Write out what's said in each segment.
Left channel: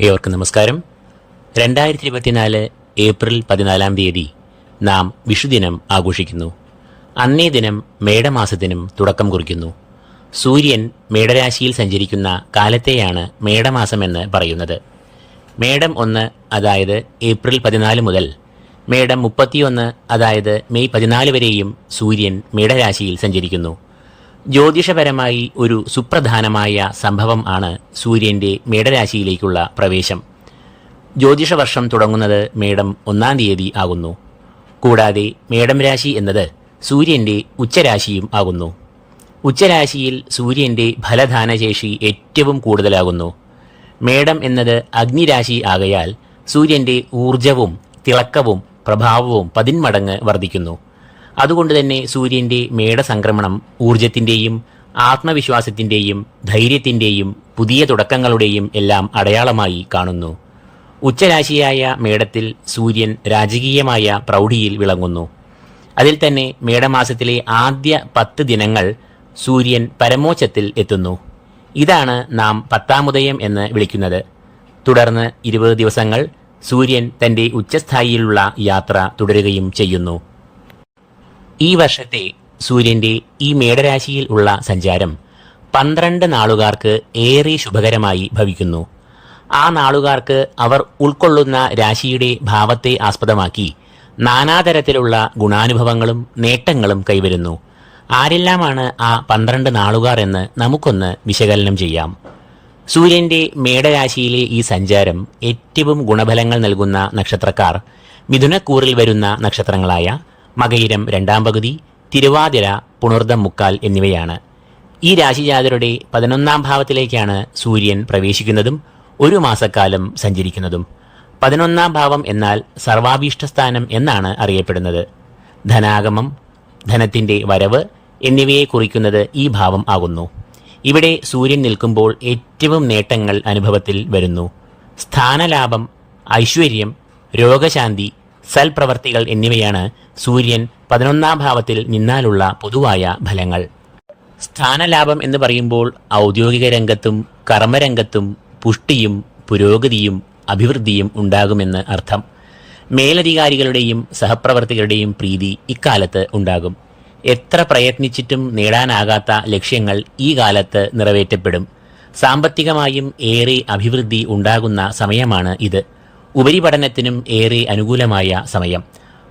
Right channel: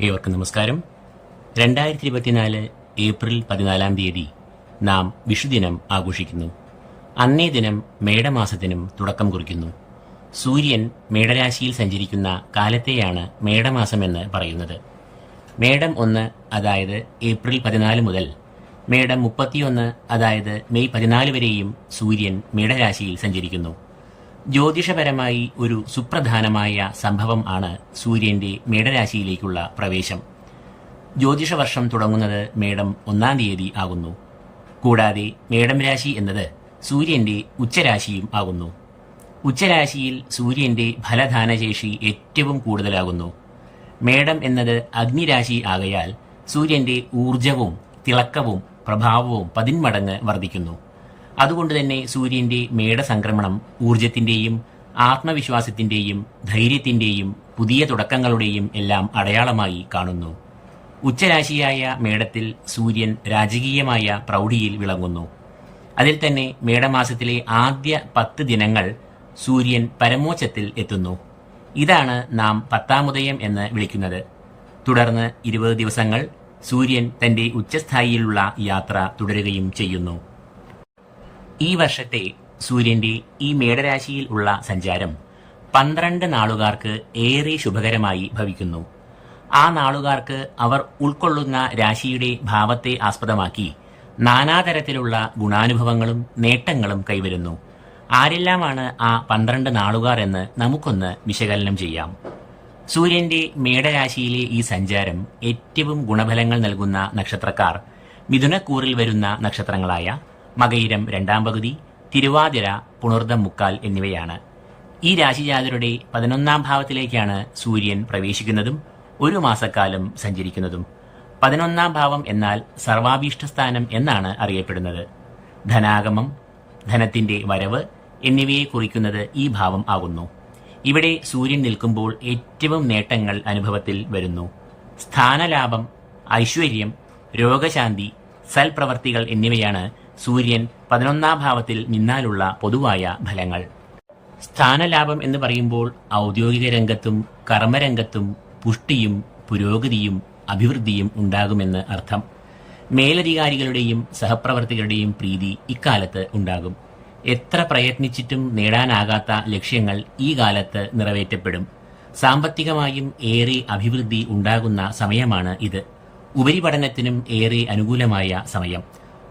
ഏവർക്കും നമസ്കാരം. രണ്ടായിരത്തി ഇരുപത്തിനാല് ഏപ്രിൽ പതിനാലാം തീയതി നാം വിഷുദിനം ആഘോഷിക്കുന്നു. അന്നേ ദിനം മേടമാസത്തിനും തുടക്കം കുറിക്കുന്നു. സൂര്യൻ മേടരാശിയിൽ സഞ്ചരിക്കുന്ന കാലത്തെയാണ് മേടമാസമെന്ന് പറയുന്നത്. മേടം ഒന്ന് അതായത് ഏപ്രിൽ പതിനാല് മുതൽ മേടം മുപ്പത്തിയൊന്ന് അതായത് മെയ് പതിനാല് വരെയും സൂര്യൻ മേടരാശിയിൽ സഞ്ചരിക്കുന്നു. ജ്യോതിഷപരമായി ഒരു സുപ്രധാനമായ സംഭവം ആണ് സൂര്യന്റെ മേടരാശിയിലേക്കുള്ള പ്രവേശം. ജ്യോതിഷവർഷം തുടങ്ങുന്നത് മേടം ഒന്നാം തീയതി ആകുന്നു. കൂടാതെ മേടം രാശി എന്നത് സൂര്യന്റെ ഉച്ചരാശിയും ആകുന്നു. ഉച്ചരാശിയിൽ സൂര്യന്റെ ഫലദാനശേഷി ഏറ്റവും കൂടുതലാകുന്നു. മേടം എന്നത് അഗ്നിരാശി ആകയാൽ സൂര്യന്റെ ഊർജവും തിളക്കവും പ്രഭാവവും പതിന്മടങ്ങ് വർദ്ധിക്കുന്നു. അതുകൊണ്ട് തന്നെ സൂര്യന്റെ മേടസംക്രമണം ഊർജത്തിന്റെയും ആത്മവിശ്വാസത്തിന്റെയും ധൈര്യത്തിന്റെയും പുതിയ തുടക്കങ്ങളുടെയും എല്ലാം അടയാളമായി കാണുന്നു. ഉച്ചരാശിയായ മേടത്തിൽ സൂര്യൻ രാജകീയമായ പ്രൗഢിയിൽ വിളങ്ങുന്നു. അതിൽ തന്നെ മേടമാസത്തിലെ ആദ്യ പത്ത് ദിനങ്ങൾ സൂര്യൻ പരമോച്ചത്തിൽ എത്തുന്നു. ഇതാണ് നാം പത്താമുദയം എന്ന് വിളിക്കുന്നത്. തുടർന്ന് ഇരുപത് ദിവസങ്ങൾ സൂര്യൻ തന്റെ ഉച്ചസ്ഥായിയിലുള്ള യാത്ര തുടരുകയും ചെയ്യുന്നു. ഈ വർഷത്തെ സൂര്യന്റെ ഈ മേടരാശിയിൽ ഉള്ള സഞ്ചാരം പന്ത്രണ്ട് നാളുകാർക്ക് ഏറെ ശുഭകരമായി ഭവിക്കുന്നു. ആ നാളുകാർക്ക് അവർ ഉൾക്കൊള്ളുന്ന രാശിയുടെ ഭാവത്തെ ആസ്പദമാക്കി നാനാതരത്തിലുള്ള ഗുണാനുഭവങ്ങളും നേട്ടങ്ങളും കൈവരുന്നു. ആരെല്ലാമാണ് ആ പന്ത്രണ്ട് നാളുകാർ എന്ന് നമുക്കൊന്ന് വിശകലനം ചെയ്യാം. സൂര്യന്റെ മേടരാശിയിലെ ഈ സഞ്ചാരം ഏറ്റവും ഗുണഫലങ്ങൾ നൽകുന്ന നക്ഷത്രക്കാർ മിഥുനക്കൂറിൽ വരുന്ന നക്ഷത്രങ്ങളായ മകയിരം രണ്ടാം പകുതി തിരുവാതിര പുണർദം മുക്കാൽ എന്നിവയാണ്. ഈ രാശിജാതരുടെ പതിനൊന്നാം ഭാവത്തിലേക്കാണ് സൂര്യൻ പ്രവേശിക്കുന്നതും ഒരു മാസക്കാലം സഞ്ചരിക്കുന്നതും. പതിനൊന്നാം ഭാവം എന്നാൽ സർവാഭീഷ്ടസ്ഥാനം എന്നാണ് അറിയപ്പെടുന്നത്. ധനാഗമം ധനത്തിന്റെ വരവ് എന്നിവയെ കുറിക്കുന്നത് ഈ ഭാവം ആകുന്നു. ഇവിടെ സൂര്യൻ നിൽക്കുമ്പോൾ ഏറ്റവും നേട്ടങ്ങൾ അനുഭവത്തിൽ വരുന്നു. സ്ഥാനലാഭം ഐശ്വര്യം രോഗശാന്തി സൽപ്രവർത്തികൾ എന്നിവയാണ് സൂര്യൻ പതിനൊന്നാം ഭാവത്തിൽ നിന്നാലുള്ള പൊതുവായ ഫലങ്ങൾ. സ്ഥാനലാഭം എന്ന് പറയുമ്പോൾ ഔദ്യോഗിക രംഗത്തും കർമ്മരംഗത്തും പുഷ്ടിയും പുരോഗതിയും അഭിവൃദ്ധിയും ഉണ്ടാകുമെന്ന് അർത്ഥം. മേലധികാരികളുടെയും സഹപ്രവർത്തകരുടെയും പ്രീതി ഇക്കാലത്ത് ഉണ്ടാകും. എത്ര പ്രയത്നിച്ചിട്ടും നേടാനാകാത്ത ലക്ഷ്യങ്ങൾ ഈ കാലത്ത് നിറവേറ്റപ്പെടും. സാമ്പത്തികമായും ഏറെ അഭിവൃദ്ധി ഉണ്ടാകുന്ന സമയമാണ് ഇത്. ഉപരിപഠനത്തിനും ഏറെ അനുകൂലമായ സമയം.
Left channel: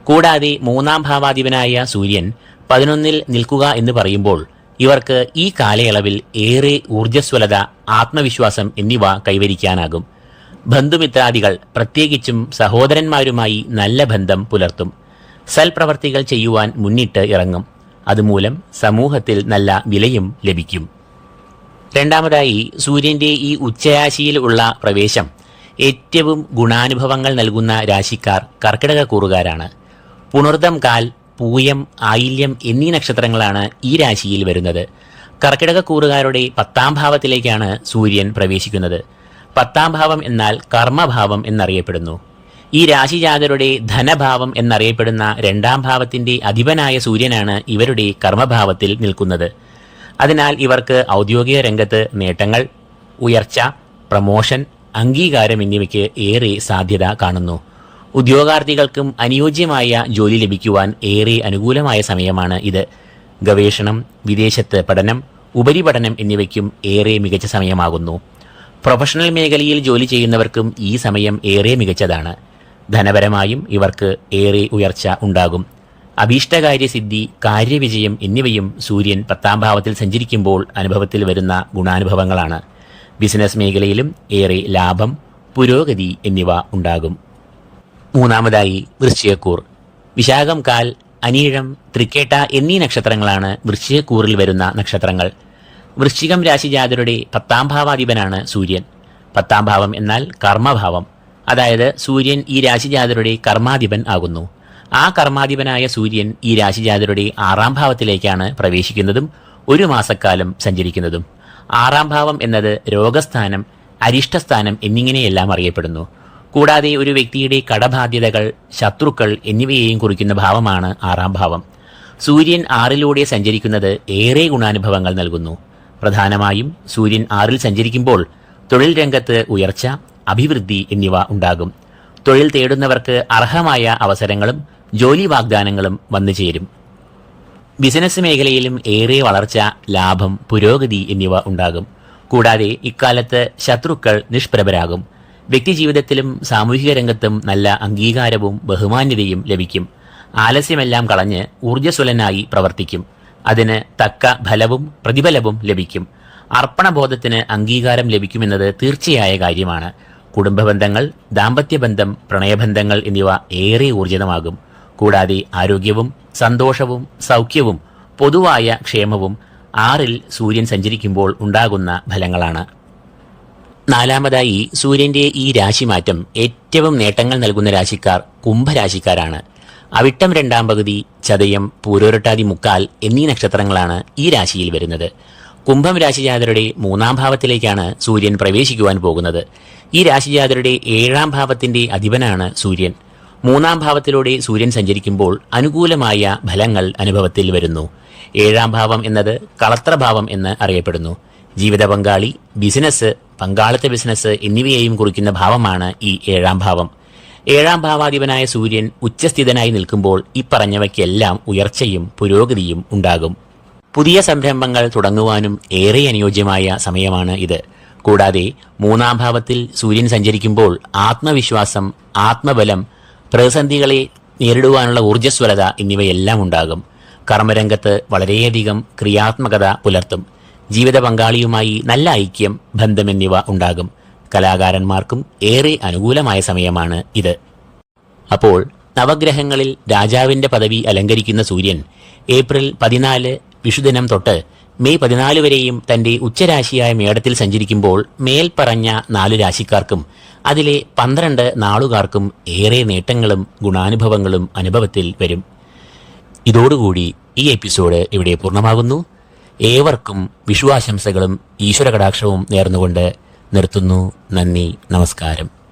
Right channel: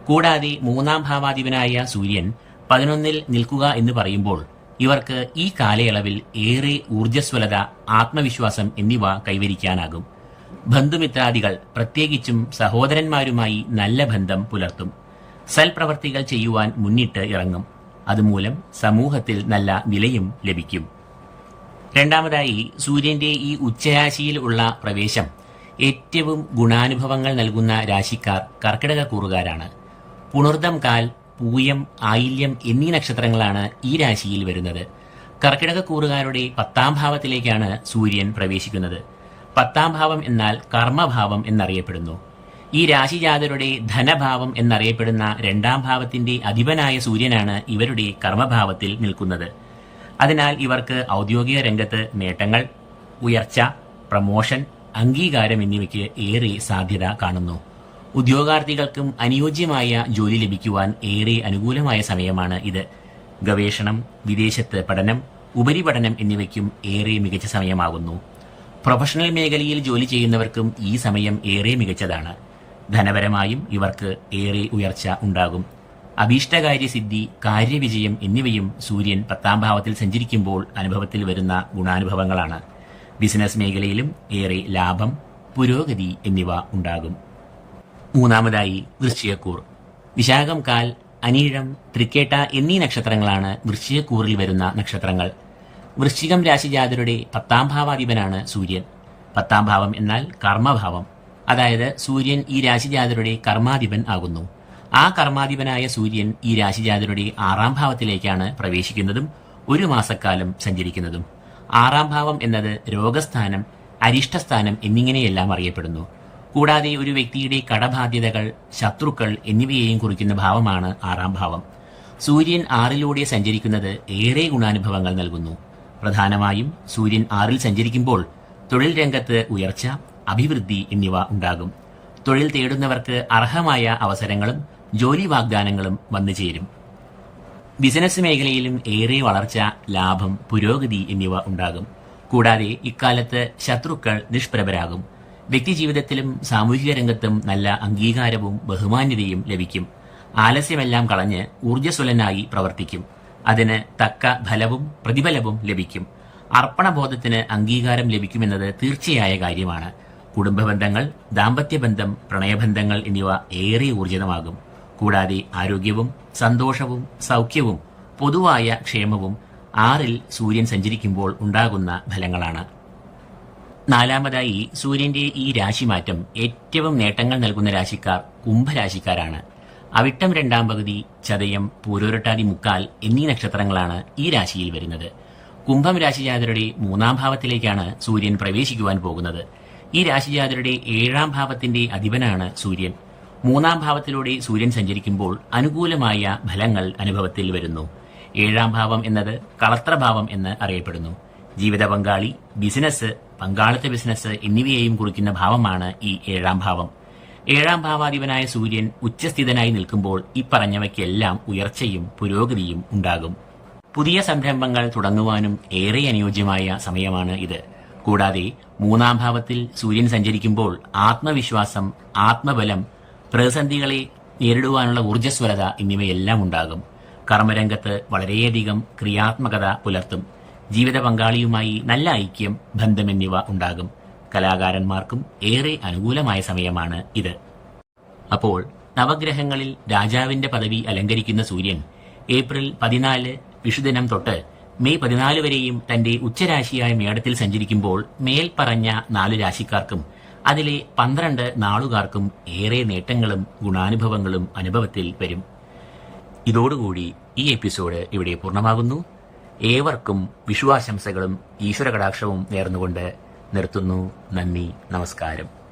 കൂടാതെ മൂന്നാം ഭാവാധിപനായ സൂര്യൻ പതിനൊന്നിൽ നിൽക്കുക എന്ന് പറയുമ്പോൾ ഇവർക്ക് ഈ കാലയളവിൽ ഏറെ ഊർജസ്വലത ആത്മവിശ്വാസം എന്നിവ കൈവരിക്കാനാകും. ബന്ധുമിത്രാദികൾ പ്രത്യേകിച്ചും സഹോദരന്മാരുമായി നല്ല ബന്ധം പുലർത്തും. സൽപ്രവർത്തികൾ ചെയ്യുവാൻ മുന്നിട്ട് ഇറങ്ങും. അതുമൂലം സമൂഹത്തിൽ നല്ല വിലയും ലഭിക്കും. രണ്ടാമതായി സൂര്യന്റെ ഈ ഉച്ചരാശിയിൽ ഉള്ള പ്രവേശം ഏറ്റവും ഗുണാനുഭവങ്ങൾ നൽകുന്ന രാശിക്കാർ കർക്കിടക കൂറുകാരാണ്. പുണർദം കാൽ പൂയം ആയില്യം എന്നീ നക്ഷത്രങ്ങളാണ് ഈ രാശിയിൽ വരുന്നത്. കർക്കിടക കൂറുകാരുടെ പത്താം ഭാവത്തിലേക്കാണ് സൂര്യൻ പ്രവേശിക്കുന്നത്. പത്താം ഭാവം എന്നാൽ കർമ്മഭാവം എന്നറിയപ്പെടുന്നു. ഈ രാശിജാതരുടെ ധനഭാവം എന്നറിയപ്പെടുന്ന രണ്ടാം ഭാവത്തിന്റെ അധിപനായ സൂര്യനാണ് ഇവരുടെ കർമ്മഭാവത്തിൽ നിൽക്കുന്നത്. അതിനാൽ ഇവർക്ക് ഔദ്യോഗിക രംഗത്ത് നേട്ടങ്ങൾ ഉയർച്ച പ്രമോഷൻ അംഗീകാരം എന്നിവയ്ക്ക് ഏറെ സാധ്യത കാണുന്നു. ഉദ്യോഗാർത്ഥികൾക്കും അനുയോജ്യമായ ജോലി ലഭിക്കുവാൻ ഏറെ അനുകൂലമായ സമയമാണ് ഇത്. ഗവേഷണം വിദേശത്ത് പഠനം ഉപരിപഠനം എന്നിവയ്ക്കും ഏറെ മികച്ച സമയമാകുന്നു. പ്രൊഫഷണൽ മേഖലയിൽ ജോലി ചെയ്യുന്നവർക്കും ഈ സമയം ഏറെ മികച്ചതാണ്. ധനപരമായും ഇവർക്ക് ഏറെ ഉയർച്ച ഉണ്ടാകും. അഭീഷ്ടകാര്യസിദ്ധി കാര്യവിജയം എന്നിവയും സൂര്യൻ പത്താം ഭാവത്തിൽ സഞ്ചരിക്കുമ്പോൾ അനുഭവത്തിൽ വരുന്ന ഗുണാനുഭവങ്ങളാണ്. ബിസിനസ് മേഖലയിലും ഏറെ ലാഭം പുരോഗതി എന്നിവ ഉണ്ടാകും. മൂന്നാമതായി വൃശ്ചികക്കൂർ. വിശാഖം കാൽ അനീഴം തൃക്കേട്ട എന്നീ നക്ഷത്രങ്ങളാണ് വൃശ്ചികക്കൂറിൽ വരുന്ന നക്ഷത്രങ്ങൾ. വൃശ്ചികം രാശിജാതരുടെ പത്താം ഭാവാധിപനാണ് സൂര്യൻ. പത്താം ഭാവം എന്നാൽ കർമ്മഭാവം. അതായത് സൂര്യൻ ഈ രാശിജാതരുടെ കർമാധിപൻ ആകുന്നു. ആ കർമാധിപനായ സൂര്യൻ ഈ രാശിജാതരുടെ ആറാം ഭാവത്തിലേക്കാണ് പ്രവേശിക്കുന്നതും ഒരു മാസക്കാലം സഞ്ചരിക്കുന്നതും. ആറാം ഭാവം എന്നത് രോഗസ്ഥാനം അരിഷ്ടസ്ഥാനം എന്നിങ്ങനെയെല്ലാം അറിയപ്പെടുന്നു. കൂടാതെ ഒരു വ്യക്തിയുടെ കടബാധ്യതകൾ ശത്രുക്കൾ എന്നിവയെയും കുറിക്കുന്ന ഭാവമാണ് ആറാം ഭാവം. സൂര്യൻ ആറിലൂടെ സഞ്ചരിക്കുന്നത് ഏറെ ഗുണാനുഭവങ്ങൾ നൽകുന്നു. പ്രധാനമായും സൂര്യൻ ആറിൽ സഞ്ചരിക്കുമ്പോൾ തൊഴിൽ രംഗത്ത് ഉയർച്ച അഭിവൃദ്ധി എന്നിവ ഉണ്ടാകും. തൊഴിൽ തേടുന്നവർക്ക് അർഹമായ അവസരങ്ങളും ജോലി വാഗ്ദാനങ്ങളും വന്നു ചേരും ബിസിനസ് മേഖലയിലും ഏറെ വളർച്ച ലാഭം പുരോഗതി എന്നിവ ഉണ്ടാകും. കൂടാതെ ഇക്കാലത്ത് ശത്രുക്കൾ നിഷ്പ്രഭരാകും. വ്യക്തിജീവിതത്തിലും സാമൂഹിക രംഗത്തും നല്ല അംഗീകാരവും ബഹുമാന്യതയും ലഭിക്കും. ആലസ്യമെല്ലാം കളഞ്ഞ് ഊർജസ്വലനായി പ്രവർത്തിക്കും. അതിന് തക്ക ഫലവും പ്രതിഫലവും ലഭിക്കും. അർപ്പണബോധത്തിന് അംഗീകാരം ലഭിക്കുമെന്നത് തീർച്ചയായ കാര്യമാണ്. കുടുംബബന്ധങ്ങൾ ദാമ്പത്യബന്ധം പ്രണയബന്ധങ്ങൾ എന്നിവ ഏറെ ഊർജിതമാകും കൂടാതെ ആരോഗ്യവും സന്തോഷവും സൗഖ്യവും പൊതുവായ ക്ഷേമവും ആറിൽ സൂര്യൻ സഞ്ചരിക്കുമ്പോൾ ഉണ്ടാകുന്ന ഫലങ്ങളാണ്. നാലാമതായി സൂര്യന്റെ ഈ രാശിമാറ്റം ഏറ്റവും നേട്ടങ്ങൾ നൽകുന്ന രാശിക്കാർ കുംഭരാശിക്കാരാണ്. അവിട്ടം രണ്ടാം പകുതി ചതയം പൂരോരട്ടാതി മുക്കാൽ എന്നീ നക്ഷത്രങ്ങളാണ് ഈ രാശിയിൽ വരുന്നത്. കുംഭം രാശിജാതരുടെ മൂന്നാം ഭാവത്തിലേക്കാണ് സൂര്യൻ പ്രവേശിക്കുവാൻ പോകുന്നത്. ഈ രാശിജാതരുടെ ഏഴാം ഭാവത്തിന്റെ അധിപനാണ് സൂര്യൻ. മൂന്നാം ഭാവത്തിലൂടെ സൂര്യൻ സഞ്ചരിക്കുമ്പോൾ അനുകൂലമായ ഫലങ്ങൾ അനുഭവത്തിൽ വരുന്നു. ഏഴാം ഭാവം എന്നത് കളത്രഭാവം എന്ന് അറിയപ്പെടുന്നു. ജീവിത പങ്കാളി ബിസിനസ് പങ്കാളിത്ത ബിസിനസ് എന്നിവയെയും കുറിക്കുന്ന ഭാവമാണ് ഈ ഏഴാം ഭാവം. ഏഴാം ഭാവാധിപനായ സൂര്യൻ ഉച്ചസ്ഥിതനായി നിൽക്കുമ്പോൾ ഇപ്പറഞ്ഞവയ്ക്കെല്ലാം ഉയർച്ചയും പുരോഗതിയും ഉണ്ടാകും. പുതിയ സംരംഭങ്ങൾ തുടങ്ങുവാനും ഏറെ അനുയോജ്യമായ സമയമാണ് ഇത്. കൂടാതെ മൂന്നാം ഭാവത്തിൽ സൂര്യൻ സഞ്ചരിക്കുമ്പോൾ ആത്മവിശ്വാസം ആത്മബലം പ്രതിസന്ധികളെ നേരിടുവാനുള്ള ഊർജസ്വലത എന്നിവയെല്ലാം ഉണ്ടാകും. കർമ്മരംഗത്ത് വളരെയധികം ക്രിയാത്മകത പുലർത്തും. ജീവിത പങ്കാളിയുമായി നല്ല ഐക്യം ബന്ധം എന്നിവ ഉണ്ടാകും. കലാകാരന്മാർക്കും ഏറെ അനുകൂലമായ സമയമാണ് ഇത്. അപ്പോൾ നവഗ്രഹങ്ങളിൽ രാജാവിന്റെ പദവി അലങ്കരിക്കുന്ന സൂര്യൻ ഏപ്രിൽ പതിനാല് വിഷുദിനം തൊട്ട് മെയ് പതിനാല് വരെയും തന്റെ ഉച്ചരാശിയായ മേടത്തിൽ സഞ്ചരിക്കുമ്പോൾ മേൽപ്പറഞ്ഞ നാല് രാശിക്കാർക്കും അതിലെ പന്ത്രണ്ട് നാളുകാർക്കും ഏറെ നേട്ടങ്ങളും ഗുണാനുഭവങ്ങളും അനുഭവത്തിൽ വരും. ഇതോടുകൂടി ഈ എപ്പിസോഡ് ഇവിടെ പൂർണമാകുന്നു. ഏവർക്കും വിഷുവാശംസകളും ഈശ്വര കടാക്ഷവും നേർന്നുകൊണ്ട് നിർത്തുന്നു. നന്ദി നമസ്കാരം.